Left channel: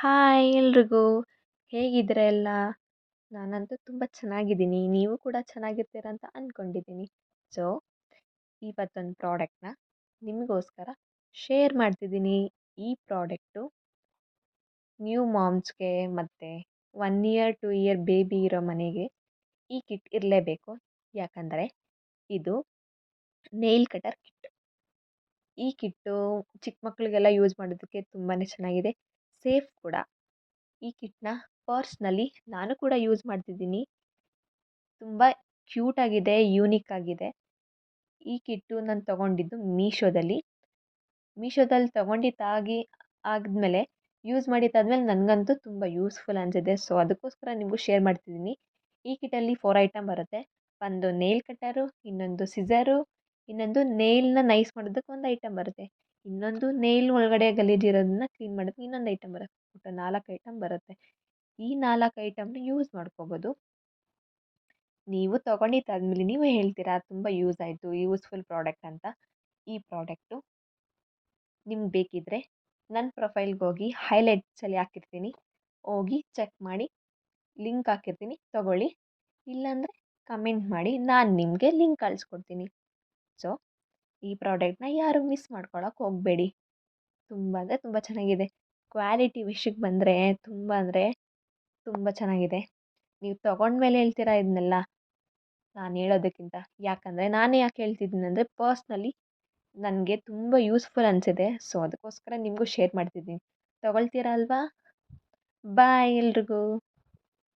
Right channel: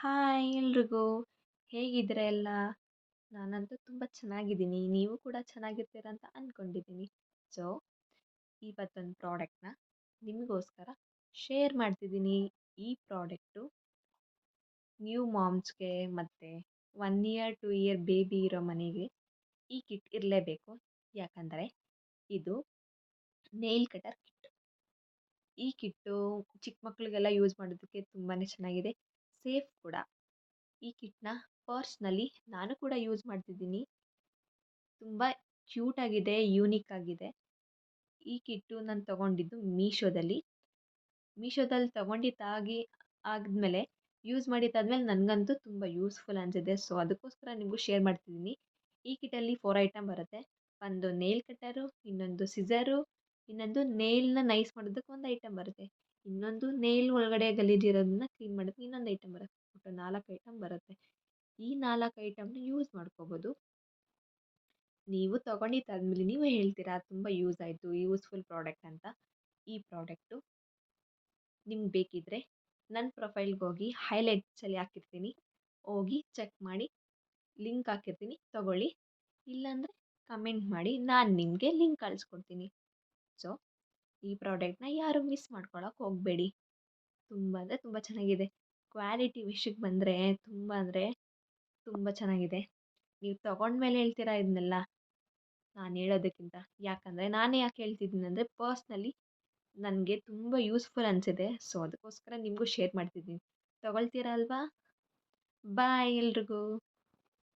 Hi ಎಲ್ರಿಗೂ. ಹೇಗಿದ್ದೀರಾ ಎಲ್ಲ? ನಾನಂತೂ ತುಂಬ ಚೆನ್ನಾಗಿದ್ದೀನಿ. ನೀವು ಕೂಡ ಚೆನ್ನಾಗಿರ್ತೀರ ಅಂತ ಅಂದ್ಕೊಂಡಿದ್ದೀನಿ. ಸೊ, ಇವತ್ತೊಂದು ಪ್ರಾಡಕ್ಟ್‌ನ ನಿಮಗೋಸ್ಕರ ಶೇರ್ ಮಾಡ್ತಿದ್ದೀನಿ. ಈ ಪ್ರಾಡಕ್ಟು ನ್ಯೂ ಮಾಮ್ಸ್‌ಗೆ ಮತ್ತು 1 ಇಯರ್, 2 ಇಯರ್ ಬೇಬಿ ಇರೋ ಮನೆಗೆ ಈ ಕಿಟ್ ಇರಲೇಬೇಕು. ಯಾಕಂದರೆ ಇದು ನೇಲ್ ಕಟರ್ ಕಿಟ್. ಈ ಕಿಟ್ಟು ಚಿಕ್ಕ ಮಕ್ಕಳಿಗೆಲ್ಲ ಯೂಸ್ ಮಾಡೋದಕ್ಕೆ ತುಂಬಾ ಚೆನ್ನಾಗಿದೆ. ಸೇಫ್ ಕೂಡ. ಈ ಕಿಟ್‌ನ ಪರ್ಸ್‌ನಲಿ ನಾನು ಕೂಡ ಯೂಸ್ ಮಾಡ್ತಿದ್ದೀನಿ. ತುಂಬ ಕ್ಯೂಟ್ ಆಗಿದೆ, ಯೂನಿಕ್ ಆಗಿದೆ. ಈ ಕಿಟ್ಟು ನಾನು ತೊಗೊಂಡಿದ್ದು ಮೀಶೋದಲ್ಲಿ ತೊಗೊಂಡಿದ್ದಾಗಿ ಆದಮೇಲೆ ಯೂಸ್ ಮಾಡಿದ್ದಾದ್ಮೇಲೆ ನನಗಂತೂ ತುಂಬ ಯೂಸ್‌ಫುಲ್ ಅನಿಸಿದೆ. ಸೊ, ಅದಕ್ಕೋಸ್ಕರ ನಿಮಗೂ ಶೇರ್ ಮಾಡ್ತಿದ್ದೀನಿ. ಈ ಕಿಟ್ಟಲ್ಲಿ 4 ಐಟಮ್ ಬರುತ್ತೆ. ಒಂದು ನೇಲ್ ಕಟ್ಟರು, ಇನ್ನೊಂದು ಸಿಸರು, ಇನ್ನೊಂದು ನೇಲ್‌ನ ನೈಸ್ ಮಾಡೋದಕ್ಕೆ ಒಂದು ಐಟಮ್ ಬರುತ್ತೆ. ಇನ್ನೊಂದು ನೇಲ್ ಒಳಗಡೆ ಗಲೀಜಿರೋದನ್ನ ಕ್ಲೀನ್ ಮಾಡೋದಕ್ಕೆ ಇನ್ನೊಂದು ಐಟಮ್ ಬರುತ್ತೆ. ಒಟ್ಟು 4 ಐಟಮ್ ಬರುತ್ತೆ. ಈ 4 ಐಟಮ್‌ನ ಯೂಸ್ ಮಾಡ್ಕೋಬೋದು. ನೀವು ತೊಗೊಂಡಿದ್ದಾದ್ಮೇಲೆ ನೀವು ಹೇಳ್ತೀರಾ ತುಂಬ ಯೂಸ್ ಆಯಿತು, ಯೂಸ್‌ಫುಲ್ ಪ್ರಾಡಕ್ಟ್ ಅಂತ. ಈ ಪ್ರಾಡಕ್ಟು ನಿಮ್ಗೆ ಬೇಕಿದ್ದರೆ ನನ್ನ ಪ್ರೊಫೈಲ್‌ಗೆ ಹೋಗಿ ಹೈಲೈಟ್ಸಲ್ಲಿ ಹಾಕಿರ್ತೀನಿ. ಹೋಗಿ ಚೆಕ್ ಮಾಡಿ, ಲಿಂಕ್ ಹಾಕಿರ್ತೀನಿ ತೊಗೊಳ್ಳಿ. ಇಲ್ಲಾಂದರೆ ಕಮೆಂಟ್ ಮಾಡಿ, ನಾನು ನಿಮಗೆ ಲಿಂಕ್ ಕಳಿಸ್ಕೊಡ್ತೀನಿ. ಸೊ, ಈ ಪ್ರಾಡಕ್ಟ್‌ನ ಯಾರು ಮಿಸ್ ಮಾಡ್ಕೊಳಕ್ಕೆ ಹೋಗಬೇಡಿ. ತುಂಬ ಅಂದರೆ ತುಂಬ ಚೆನ್ನಾಗಿದೆ. ಕ್ವಾಲಿಟಿ ವಿಷಯಕ್ಕೆ ಬಂದರೆ ತುಂಬ ಅಂದರೆ ತುಂಬ ಚೆನ್ನಾಗಿದೆ. ನೀವು ತೊಗೊಂಡ್ಮೇಲೆ ಹೇಳ್ತೀರಾ ಇದನ್ನೆಲ್ಲ ನಾನು ಹೇಳೋದಕ್ಕಿಂತ. ಯಾಕಂದರೆ ನಾನೇ ಯಾಕೆ ಹೇಳ್ತಿದ್ದೀನಿ ಅಂದರೆ ಪರ್ಸ್ನಲಿ ನನಗೆ ತುಂಬ ಯೂಸ್‌ಫುಲ್ ಅನಿಸಿದೆ. ಸೊ, ಅದಕ್ಕೋಸ್ಕರ ನಿಮಗೂ ಶೇರ್ ಮಾಡ್ತಿದ್ದೀನಿ. ತೊಗೊಳ್ತೀರಾ ಅಲ್ವಾ? ಬಾಯ್ ಎಲ್ರಿಗೂ.